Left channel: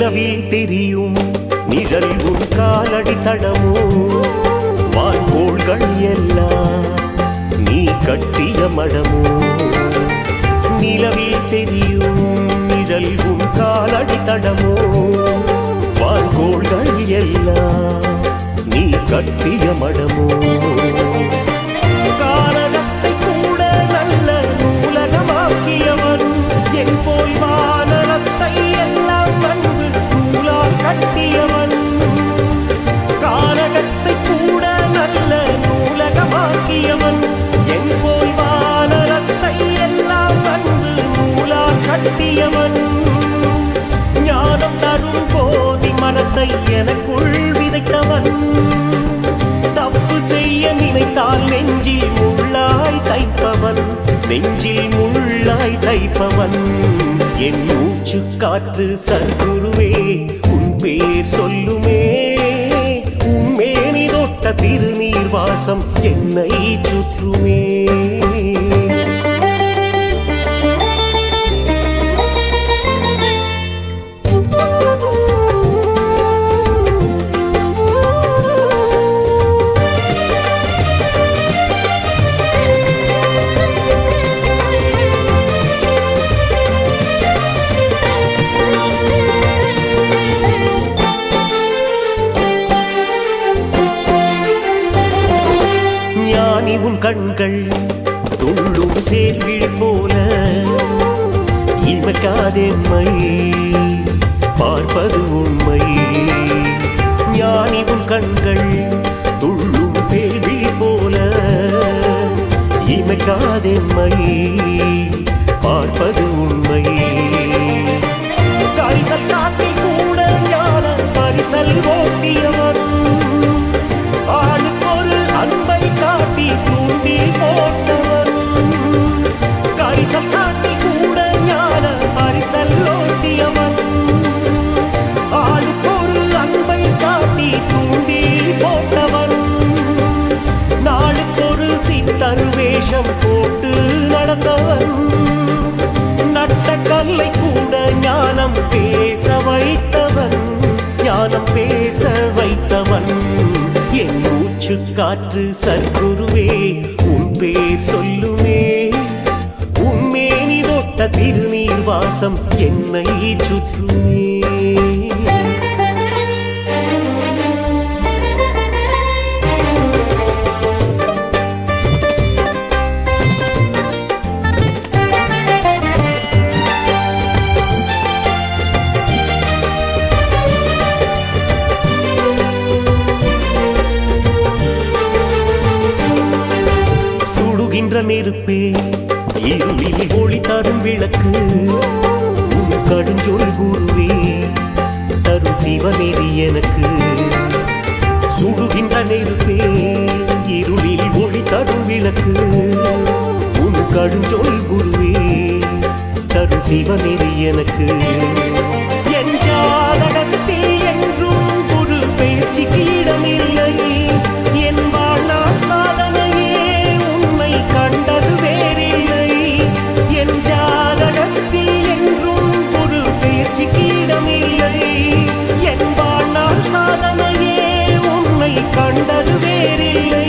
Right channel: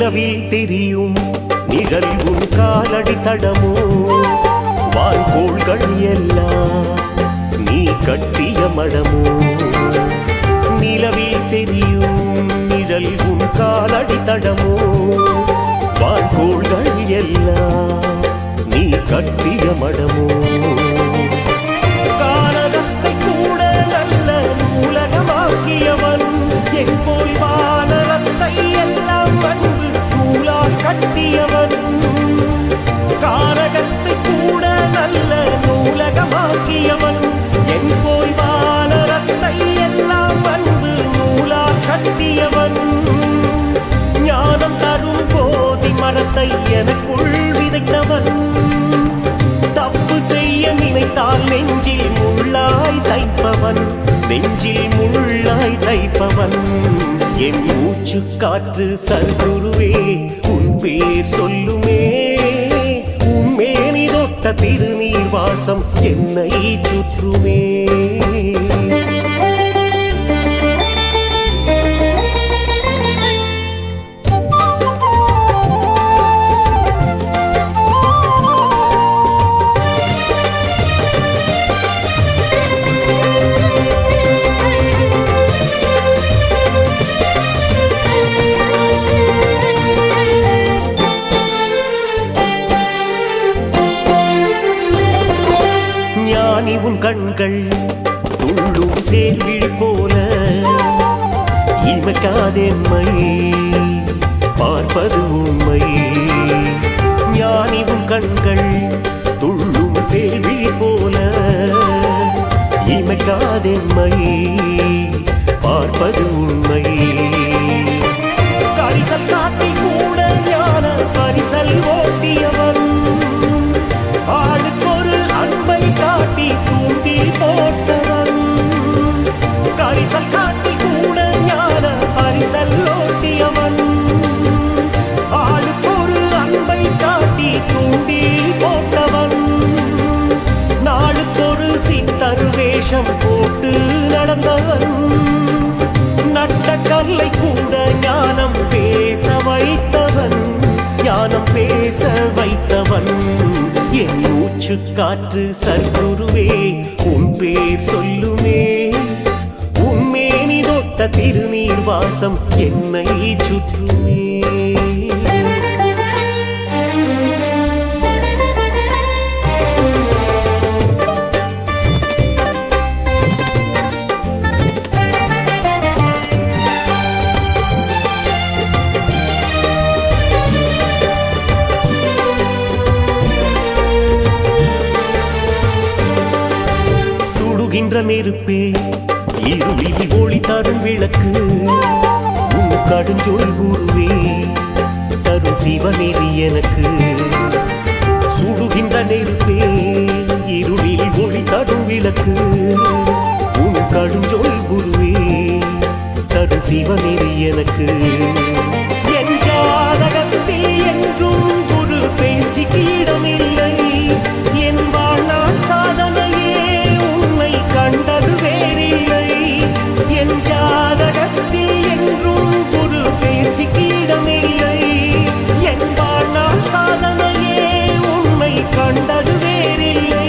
நிலவில் தெரியும் நிழல் உன் காலடி தடமோ? வான்கோள்கள் எல்லாம் நீ கட்டிய மடமோ? நிலவில் தெரியும் நிழல் உன் காலடி தடமோ? வான்கோள்கள் எல்லாம் நீ கட்டிய மடமோ? கானகத்தை கூட நல்ல நூலகமாக்கியவன் என் போல் வானரத்தை எல்லாம் கட்டியவன். காரகத்தை கூட நல்ல நூலகமாக்கியவன். என் போல் வானரத்தை எல்லாம் அன்பு நூலால் கட்டியவன். ஞானம் தரும் போதி மரத்தை எனக்குள் விதைத்தவன். தப்பு செய்ய நினைத்தால் நெஞ்சில் முள்ளாய் தைப்பவன். நெஞ்சில் முள்ளாய் தைப்பவன். என் மூச்சு காற்று சர்க்குருவே பேர் சொல்லுமே. உன் மேனி தொட்ட திருநீர் வாசம் என்னை சுற்றுமே. ஞானி உன் கண்கள் துள்ளும் சேர்விழி போல. இமைக்காதெம்மை பார்ப்பது உண்மை. ஞானி உன் கண்கள் துள்ளும் சேர்விழி போல. இமைக்காதெம்மை பார்ப்பது உண்மை. கரிசல் காட்டில் கூட ஞான பரிசல் ஓட்டியவன். ஆளுக்கொரு அன்பை காட்டி தூண்டில் போட்டவன். கரிசல் காட்டி கூட ஞான பரிசல் ஓட்டியவன். ஆளுக்கொரு அன்பை காட்டி தூண்டில் போட்டவன். நாளுக்கொரு சித்தரு வேஷம் போட்டு நடந்தவன். நட்ட கல்லை கூட ஞானம் பேச வைத்தவன். ஞானம் பேச வைத்தவன். என் மூச்சு காற்று சர்க்குருவே உன் பேர் சொல்லுமே. உம்மேனி தொட்ட திருநீர் வாசம் என்னை சுற்றுமே. சுடுகின்ற நெருப்பே இருளில் ஒளி தரும் விளக்கு. உன் கடுஞ்சொல் குருவே தரும் சிவநெறி எனக்கு. சுடுகின்ற நெருப்பே இருளில் ஒளி தரும் விளக்கு. உன் கடுஞ்சொல் குருவே தரும் சிவநெறி எனக்கு. என் ஜாதகத்தில் என்றும் குரு பயிற்சிக்கு இடமில்லை. என் வாழ்நாள் சாதனையே கண்டது வேறில்லை. என் ஜாதகத்தில் என்றும் குரு பேச்சுக்கு இடமில்லை. என் வாழ்நாள் சாதனையே உன்னை கண்டது வேறில்லை.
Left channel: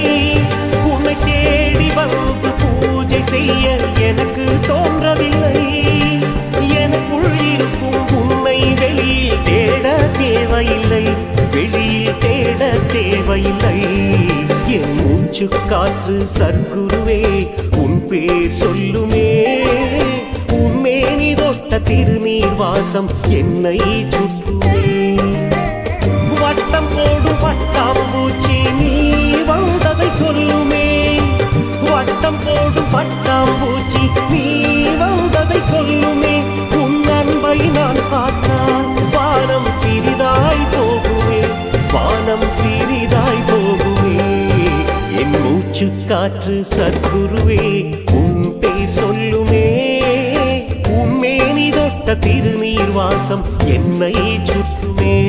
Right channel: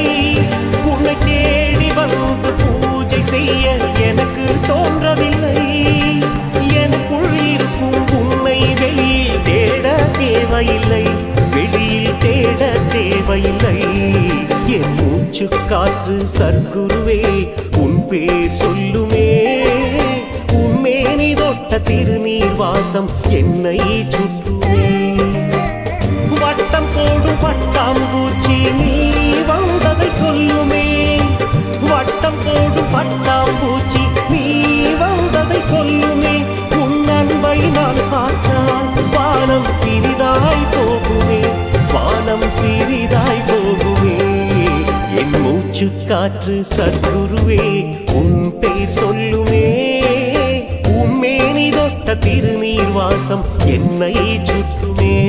உன்னை தேடி வந்து பூஜை செய்ய எனக்கு தோன்றவில்லை. எனக்குள் இருக்கும் உன்னை வெளியில் தேட தேவையில்லை. வெளியில் தேட தேவையில்லை. என் மூச்சு காற்று சர்க்குருவே உன் பேர் சொல்லுமே. உன்மேனி தொட்ட திருநீர் வாசம் என்னை சுற்றுமே. வட்டம் போடும் பட்டாம்பூச்சி நீ வந்ததை சொல்லுமே. வட்டம் போடும் பட்டாம்பூச்சி நீ வந்ததை சொல்லுமே. உன் உன்னை நான் பார்த்தால் வானம் சிறிதாய் போகுமே வானம் சிறிதாய் போகுமே. என் மூச்சு காற்று சர்க்குருவே உன் பெயர் சொல்லுமே. உம்மேனி தொட்ட திருநீர் வாசம் என்னை சுற்றுமே.